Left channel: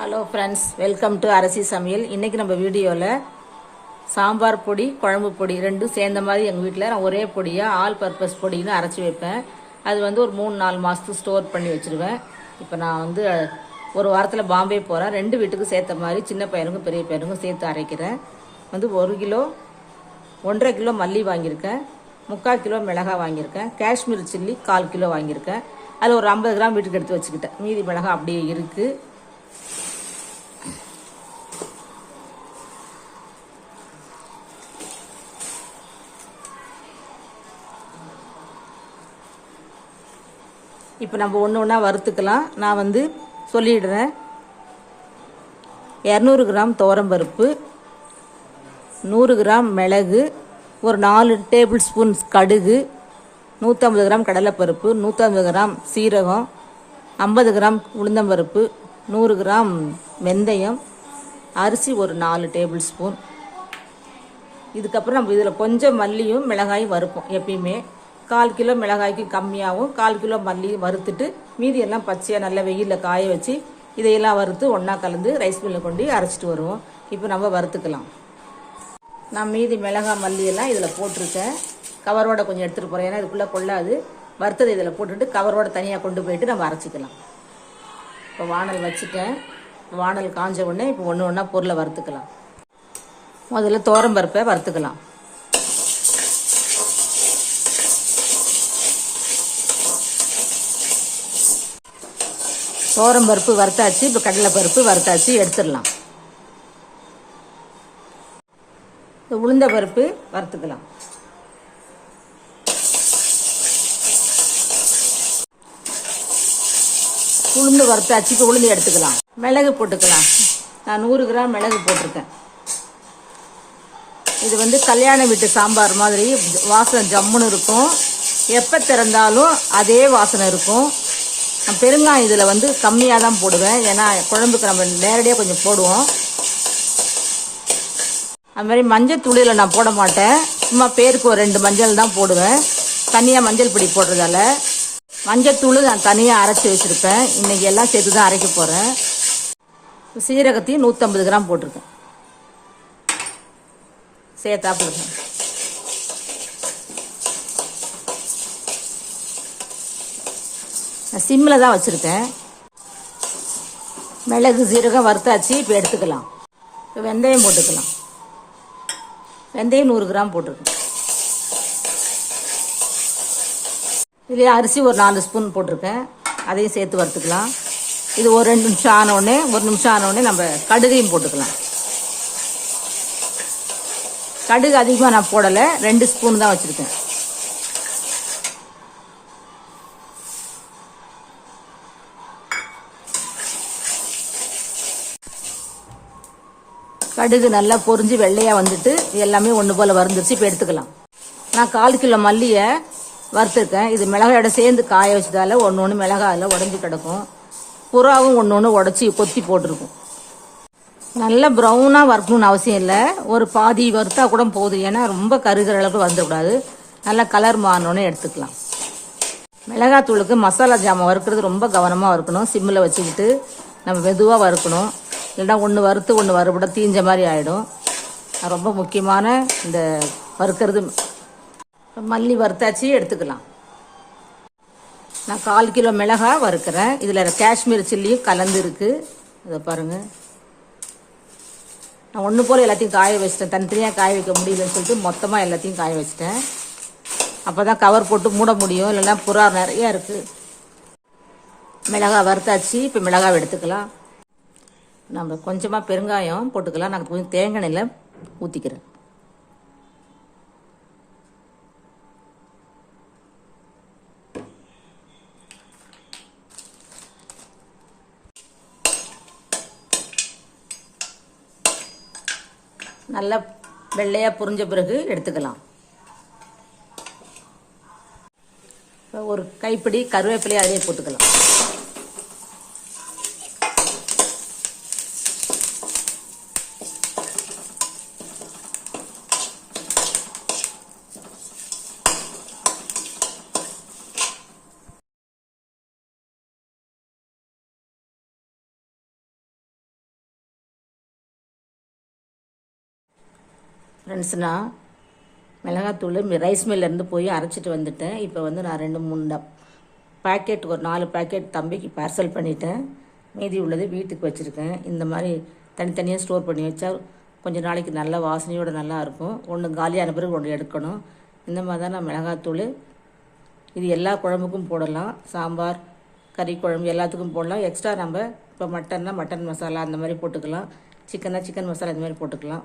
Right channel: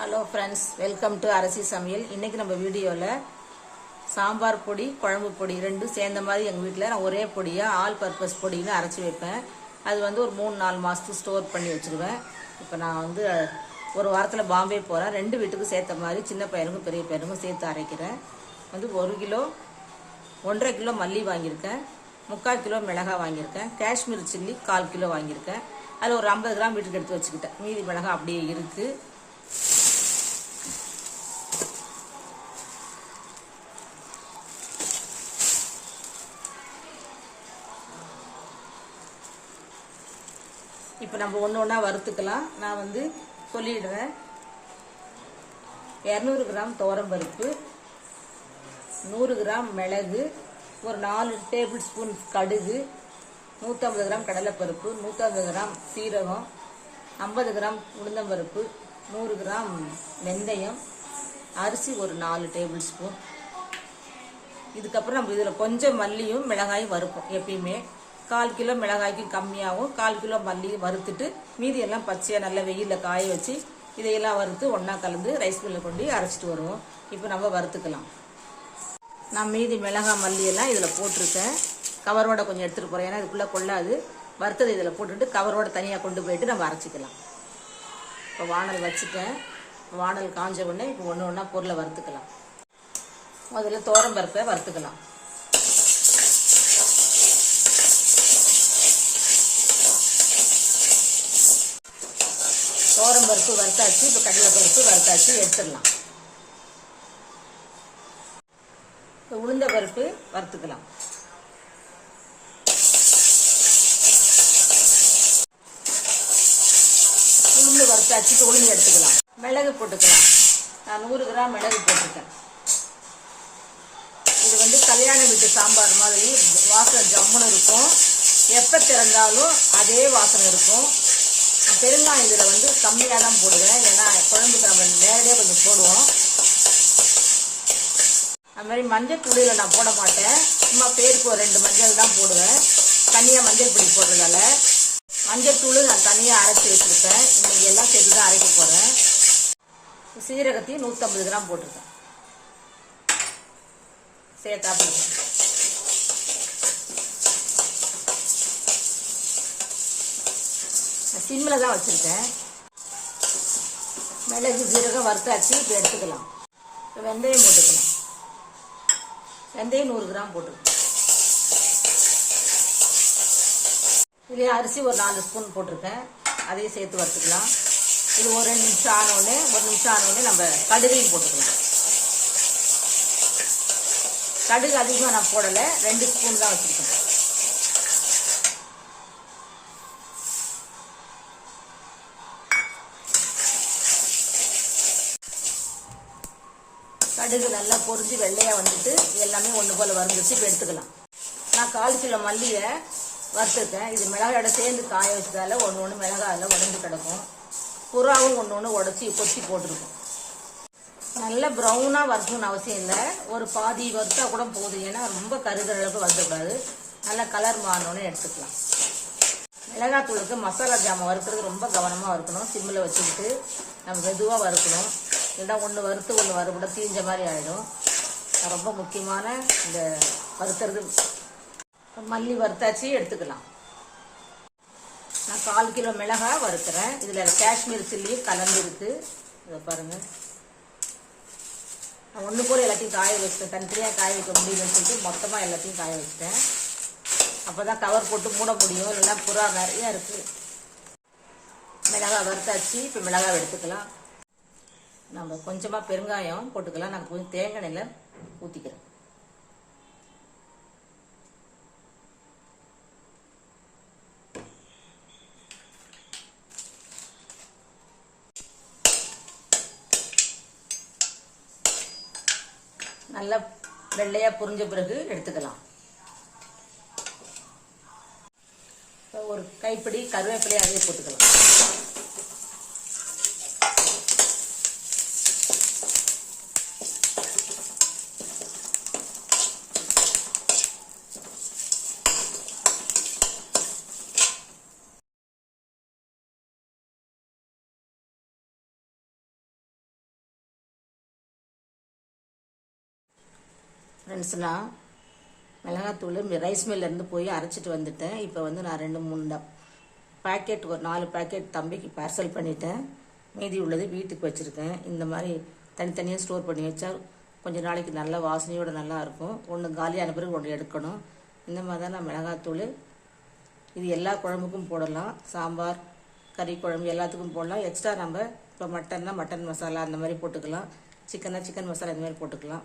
Hello friends welcome to Arasi Samayal இன்னைக்கு நம்ம வீடியோவில் சாம்பார் பொடி குழம்பு பொடி ரெண்டும் சேர்ந்த மாதிரி எங்கள் வீட்டில் நான் ஒரே பொடியாக ஆல் பர்பஸ் பொடின்னு அரைச்சி வைப்பேன். அது வந்து ஒரு மூணு நாலு மாதத்துக்கு ஸ்டோர் பண்ணி வச்சுருவேன். இப்போ நான் வந்து ஒரு வாரத்தில் பாம்பே போகிறேன் ரெண்டு வீட்டுக்கு சேர்த்த மாதிரி சின்ன பையனுக்கும் பெரிய பையனுக்கும் சேர்த்து அரைக்கிறேன். வந்து ஒரு கிலோ ஒன்றரை கிலோ மல்லி வாங்கியிருக்கேன். முக்கால் கிலோ மிளகாய் வாங்கியிருக்கேன். காஷ்மீர் சில்லி கால் கிலோ வாங்கியிருக்கேன். அதில் ஒரு ஐம்பது கிராம் வீட்டுக்கு எடுத்து வச்சுக்கிட்டேன். மீதி மிளகாய் அப்படியே இருக்குது இப்போ நம்ம ஒன்று ஒன்றா வறுத்துக்கலாம். நான் வந்து சொல்லிடுறேன். இரநூறு கிராம் துவரம்பருப்பு நூறு கிராம் மிளகு ஒரு நாலு டேபிள் ஸ்பூன் கடுகு நூற்றம்பது கிராம் கடலைப்பருப்பு நூற்றம்பது கிராம் சீரகம் ஐம்பது கிராம் உளுந்தம்பருப்பு நூறு கிராம் வெந்தயம் அரிசி ஒரு நாலு டேபிள் ஸ்பூன். இதுக்கப்புறம் நம்ம இதில் கொஞ்சம் மல்லியும் மிளகாயும் வறுப்போம் எப்பயுமே. கால் கிலோ மிளகாய்க்கு கம்மியாகவும் கால் கிலோ மல்லியும் வறுத்துட்டு மீதி எல்லாம் பச்சையாக நல்லா வெயிலில் காய வச்சு இதையெல்லாம் வறுத்து ஒன்றா கலந்து ரைஸ் மில்லில் கொண்டு அரைச்சிட்டு வருவோம். இப்போ நம்ம வறுத்துக்கலாம். நான் மீதி மிளகாய் மல்லி எல்லாம் இதில் போட்டிருக்கேன். கவரோட கொஞ்சம் எடுத்துகிட்டு போகிறேன் ஏன்னா இதுக்குள்ளே கொள்ளாது. வறுத்தது இதில் போட்டுட்டு கவரோட தனியாக கொண்டு போயிட்டு நம்ம அரைச்சிக்கலாம். இப்போ வானல் வச்சுட்டேன். வானல் காஞ்ச உடனே இப்போ ஒன்று ஒன்றா பொருளை வறுத்துக்கலாம். முதல்ல தோரம்பருப்பை வறுத்துக்கலாம். சோரம் பருப்பு வறுத்தாச்சு இப்போ கடலை பருப்பு வறுத்தாச்சு எடுத்துடலாம். உளுந்த பருப்பு வறுத்துக்கலாம். உளுந்து வறுத்தாச்சு இப்போ உளுந்து எடுத்துக்கலாம். மிளகு போட்டுக்கலாம். நான் நூறு கிராம் மிளகு போட்டிருக்கேன். இது வந்து கல்யாண வீட்டு சாம்பார் மாதிரி வாசனை ஜம்முன்னு இருக்கும். எப்போ திறந்தாலும் அதே வாசனை இருக்கும். பெருங்காயம் இதில் வந்து கம்மியாக தான் போடுவேன். ஏன்னா குழம்புக்கு நம்ம நேரடியாக கொஞ்சம் போடுவோம். அது மாதிரி மஞ்சள் தூளியில் நான் போட மாட்டேன். சும்மா பேருக்கு ஒரு ரெண்டு மஞ்சள் தான் போடுவேன். தனியாக மஞ்சள் பொடி போடுறதால. மஞ்சள் தூள் நான் தனியாக அரைச்சி வச்சுருப்பேன். இன்றைக்கி எல்லாம் சேர்த்து தான் அரைக்க போகிறேன் சீரகத்தையும் நூற்றம்பது கிராம் போட்டிருக்கேன். சேர்த்தா போடுறேன் நான் சிம்மில் தான் வச்சுருக்கேன். மிளகு சீரகம் வறுத்தாச்சு இப்போ எடுத்துக்கலாம். இப்போ வெந்தயம் போட்டுக்கலாம். வெந்தயம் நூறு கிராம் போட்டிருக்கேன் இதுலேயே அரிசி ஒரு நாலு ஸ்பூன் போட்டிருக்கேன். அதையும் சேர்த்து வறுத்துக்கலாம். இது ஒரு ரெண்டு நிமிஷம் ஆனோடனே ஒரு நிமிஷம் ஆனோடனே நம்ம கடுகையும் போட்டுக்கலாம். கடுகு அதிகமாக நான் போடலை. ரெண்டு ஸ்பூன் தான் வச்சுருக்கேன். கடுகு நல்லா பொரிஞ்சு வெள்ளையாக வந்துட்டு எல்லாமே ஒன்று போல் வறுந்துருச்சு. இப்போ எடுத்துக்கலாம். நான் கால் கிலோ மல்லியை வறுத்துருக்கேன். இது மிளகாயோட சேர்ந்து காய வச்சதால ஒன்று ஒன்று மிளகாயில் உடஞ்சி கிடக்கும். புறாவும் ஒன்று ஒன்று உடச்சி கொத்தி போட்டிருக்கும். நல்லா ப்ரௌனாக வறுக்கணும்னு அவசியம் இல்லை. ஒரு பாதி வறுத்தா கூட போதும். ஏன்னா ரொம்ப கருகிற அளவுக்கு வந்துடக்கூடாது. நல்லா கலர் மாறினோன்னே எடுத்துக்கலாம். மிளகாத்தூளுக்கு மசாலா ஜாமான் வறுக்கிறது ரொம்ப கவனமாக வறுக்கணும். சிம்மில் வச்சுக்கிட்டு நம்ம மெதுவாக வறுக்கணும். இல்லைன்னா ஒன்று வறுத்து ஒன்று வறுபட தீஞ்ச மாதிரி ஆகிடும் ரொம்ப முக்கியமான இந்த வறுக்கிறது. மல்லி வறுத்தாச்சு எடுத்துக்கலாம். நான் கால் கிலோ மிளகாய் வறுக்கிறேன். இதில் காஷ்மீர் சில்லியும் கலந்துருக்கு இதை பாருங்கள் நான் ஒன்று போல் எல்லாத்தையும் காய வச்சிட்டேன். தனித்தனியாக காய வைக்க முடியலன்னு சொல்லிட்டு மொத்தமாக எல்லாத்தையும் காய வச்சிட்டேன். அப்போ தான் கவர் போட்டு மூட முடியும். இல்லைன்னா புறா நிறையா இருக்குது மிளகாய் வறுத்தாச்சு. இப்போ மிளகாய் எடுத்துக்கலாம். நம்ம கொஞ்சமாக பெருங்காயம் போட்டுக்கலாம். நான் கொஞ்சம் தேங்காய் எண்ணெயில் ஊற்றிக்கிறேன் நல்லா வெள்ளையாக புரிஞ்ச பிறகு எடுத்துக்கலாம். ஒரு கைப்பிடி கருவேப்பிலையை அதையே போட்டுக்கலாம். ஃப்ரெண்ட்ஸ் நான் மிளகாத்தூள் ரைஸ் மில்லேருந்து போய் அரைச்சிட்டு வந்துட்டேன். இப்போ வந்து நான் ரெண்டு மூணு பேக்கெட் பாக்கெட் ஒரு நாலு பேக்கெட் தம்பிக்கு பார்சல் பண்ணிட்டேன். மீதி உள்ளது வீட்டுக்கு வச்சுருக்கேன். இந்த மாதிரி தனித்தனியாக ஸ்டோர் பண்ணி வச்சா கொஞ்சம் நாளைக்கு நல்ல வாசனையோடு நல்லா இருக்கும். ஒன்று காலியான பிறகு ஒன்று எடுக்கணும். இந்த மாதிரி தான் நான் மிளகாத்தூள் இது எல்லா குழம்புக்கும் போடலாம். சாம்பார் கறி குழம்பு எல்லாத்துக்கும் போடலாம். எக்ஸ்ட்ரா நம்ம இப்போ மட்டன்னா மட்டன் மசாலா அந்த மாதிரி போட்டுக்கலாம். சிக்கனா சிக்கன் மசாலா இந்த மாதிரி போட்டுக்கலாம்.